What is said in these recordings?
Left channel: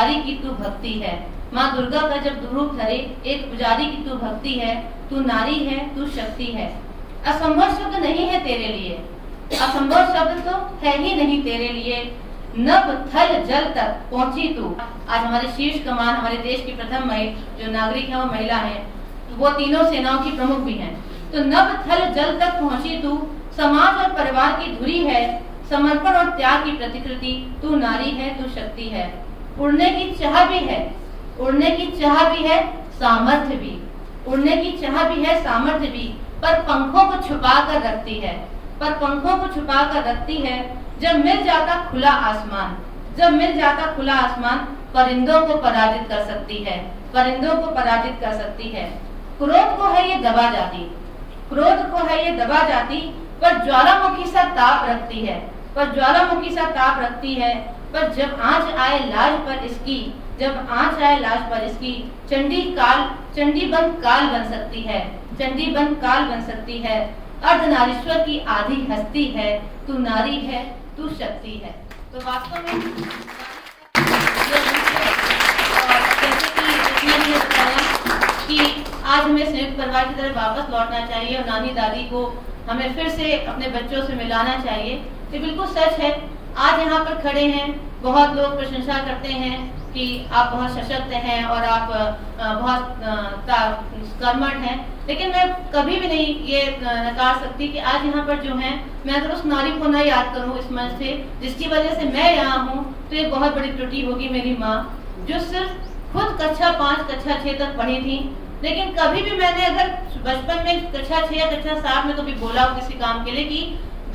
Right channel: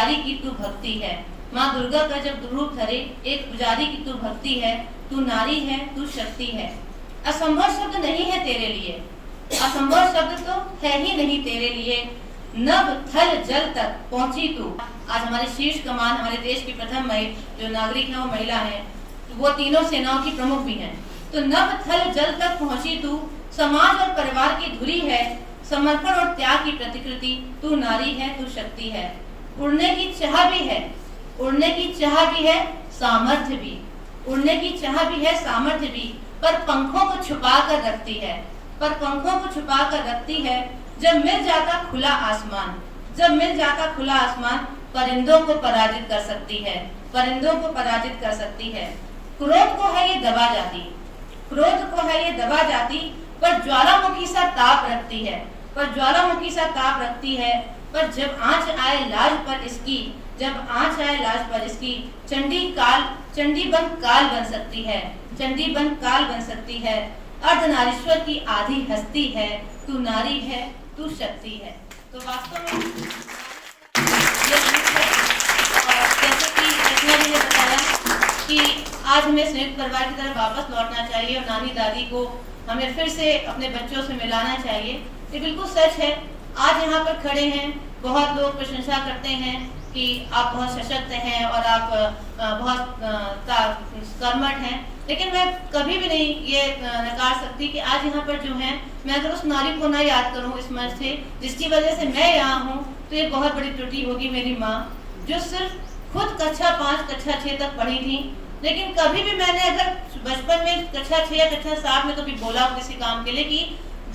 पुजारी की तू भक्ति है। माँ दुर्गा का जब रूप धरे एक पुजारी की तू भक्ति है। तू नारी है, तू शक्ति है। असंभव शब्द नहीं है तेरे लिए, असंभव शब्द तो है ही नहीं तेरे लिए। नभ थल जल तक पहुंची तू। आज हमारे शीर्ष कमान, हमारे देश की प्रथम जो नागरिक है वो महिला है, वो तीनों सेनाओं की प्रमुख भी हैं। तो नभ थल जल तक पहुंची तू, समाज और परिवार की धुरी है। समर्पण और त्याग की प्रतिकृति, तू नारी है, तू शक्ति है। उड़ने की चाह भी है, उड़ने की चाह भी है, सामर्थ्य भी। उड़ने की चाह भी है, सामर्थ्य भी, पर पंखों को छुपा कर रखती है, पर पंखों को छुपा कर रखती है। जब मिल जाता खुला आसमान, जब मिल जाता खुला आसमान, परिंदों को पराजित कर सकती है, परिंदों को पराजित कर सकती है। क्रोध को है ये दबा जाती, क्रोध को है ये दबा जाती, पर ज्वालामुखी सा ताप रखती है, पर ज्वालामुखी सा ताप रखती है। पर जब आंच आए लाज पर इसकी, जब आंच आए लाज पर इसकी, चंडी बन काल बन सकती है, चंडी बन काल बन सकती है। अर्धनारीश्वर की आधी हस्ती है, तू नारी है, तू शक्ति है। तो वास्तव में ये बताया कि आज हमें संयुक्त परिवार की तरफ वापस लौटना चाहिए और नानी दादी को हमें फिर से अपने बच्चों से मिलाना चाहिए। ये बिल्कुल सच है। आज यहाँ पर खड़े हैं, बहुत लोग प्रशंसा करते हैं कि आप बहुत सशक्त हैं और आप बहुत कर्मठ हैं, लेकिन मैं कभी भी नहीं ये नकार सकती कि आज यहाँ पर जो है, मैं अगर उस नारी को ना याद करूँ इस मंच से, जिसकी वजह से मैं यहाँ हूँ, तो ये बहुत बड़ी त्रुटि होगी। मेरी माँ जो सिर्फ खुद कक्षा 5 कक्षा 6 तक पढ़ी थी, लेकिन कभी भी मैंने अगर बचपन में कक्षा 6 या कक्षा 7 में कभी बोला हो किसी काम के लिए कि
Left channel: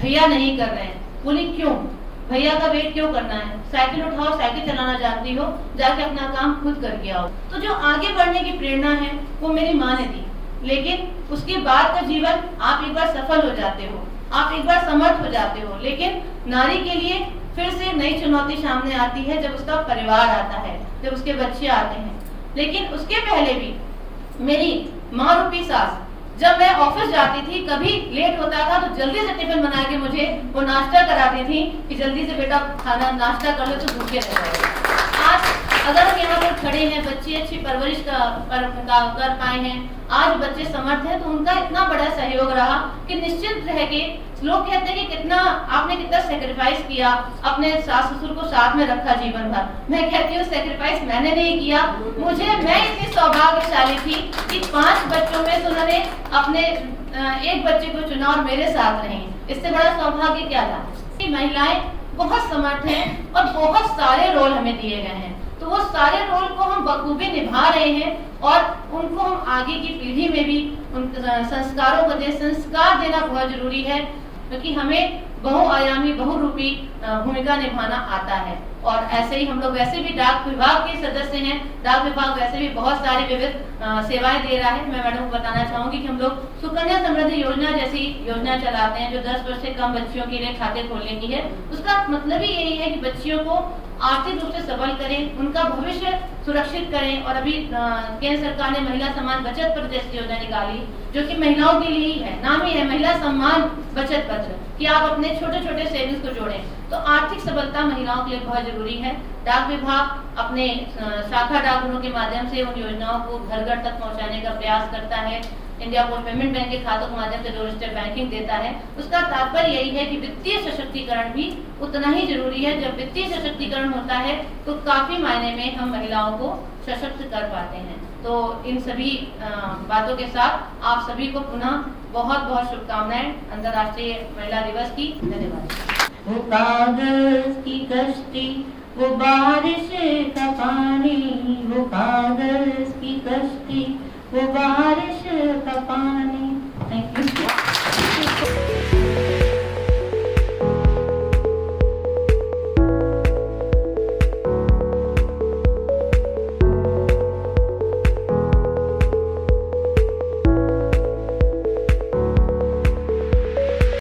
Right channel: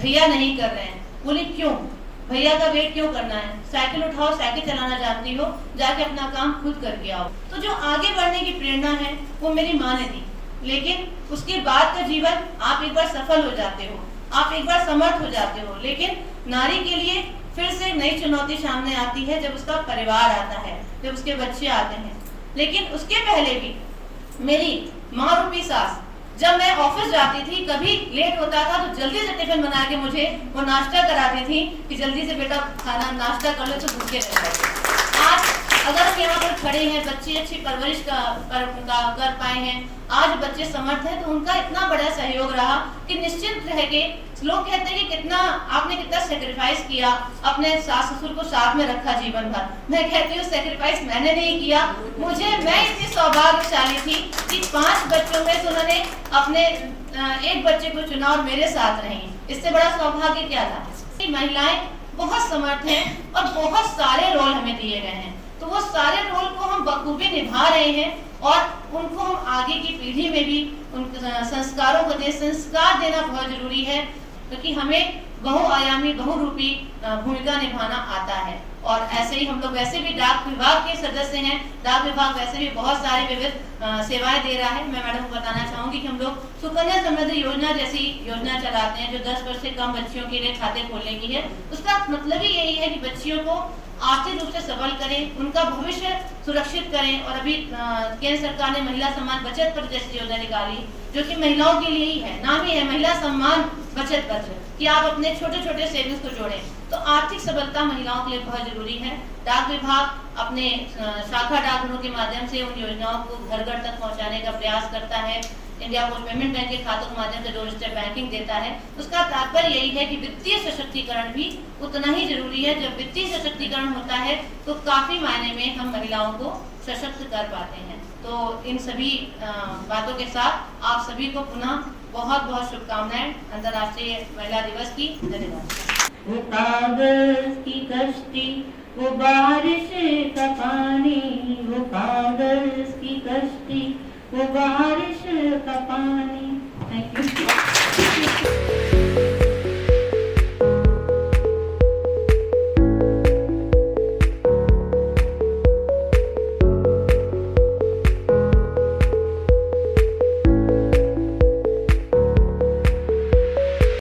भैया नहीं कर रहे हैं, बोली क्यों, भैया का वेट क्यों करना है, साइकिल उठाओ, साइकिल चलाना जानती हो, जाके अपना काम खुद करके आओ। तो जो आगे बढ़ने की प्रेरणा है वो मेरी माँ ने दी, लेकिन उसके बाद का जीवन आप एक बार सफल हो जाते हो, आप एक बार समर्थ हो जाते हो, लेकिन नारी के लिए फिर से नई चुनौती सामने आती है जब उसका परिवार आता है, जब उसके बच्चे आते हैं। लेकिन उसके पहले भी मेरी माँ रूपी सास, जब मैं ऑफिस जाती थी, कभी लेट होता था तो जल्दी से टिफिन बना के मुझे वो नाश्ता कराती थी कि जल्दी से बेटा खाना नाश्ता कर लो तो भूखे रह जाओगे। आज अगर हम यहाँ पर खड़े हैं, बच्चे अच्छी परवरिश कर पाए हैं, आज बच्चे समर्थ हैं, तो उनका इतना बड़ा सहयोग रहा कि निश्चित रह के लोग कहते हैं कि आपने कितना सेक्रीफाइस किया, अपने सास ससुर को साथ में रखा जीवन भर। मैं कहती हूँ सेक्रीफाइस मैंने नहीं किया, मैं इतनी सौभाग्यशाली थी कि 5 बच्चों में से उन्होंने अपने एक बच्चे को चुना और मेरे साथ रही। इससे बड़ा सौभाग्य क्या था। महिलाएं बहुत समर्थ हैं और बहुत सारे रोल हमें दिए गए हैं, तो वो सारे रोल को हम बखूबी निभा रहे हैं और उनको हम आगे की पीढ़ी में भी उन संस्कारों को संस्कार देना बहुत जरूरी है, क्योंकि हमें बहुआयामी बहुरूपी भूमिका निभाना आता है। और ऐसे ही हम लोग वैसे भी डाक विभाग के सदस्य हैं, डाक विभाग वैसे भी बहुत सारे विविध सेवाएं दे रहा है। मैं मैडम को बताना चाहूंगी कि हम लोग सुकन्या समृद्धि योजना जैसी योजना चलाते हैं जो 10 वर्ष से कम बच्चियों के लिए खाते खोलने की है। उसका मतलब ही यही है कि बच्चियों को आर्थिक रूप से सबल करें, उनका भविष्य सुरक्षित करें। और अभी केंद्र सरकार ने महिला सम्मान बचत पत्र जैसी योजना निकाली जो कि महिलाओं के लिए ही है, नाम ही है महिला सम्मान बचत पत्र, कि आप अपने छोटे छोटे सेविंग्स को जोड़ें। तो आर्थिक सबलता महिलाओं के लिए बहुत जरूरी है। डाक विभाग अपने शाखा डाकघरों के माध्यम से उन योजनाओं को घर घर तक पहुंचाने का प्रयास करता है। इंडिया पोस्ट पेमेंट बैंक के खातों के माध्यम से डोर स्टेप बैंकिंग देता है। उसका तात्पर्य यही है कि वित्तीय सशक्तिकरण भी उतना ही जरूरी है। जब वित्तीय सशक्तिकरण होता है तो काफी मायने में हम महिलाओं को सशक्त कर पाते हैं। तो इन सभी बातों के साथ आप सभी को पुनः बहुत बहुत शुभकामनाएं अंतर्राष्ट्रीय महिला दिवस की। धन्यवाद। वो कागज की कश्ती, वो बारिश का पानी, वो कागज की कश्ती, वो बारिश का पानी।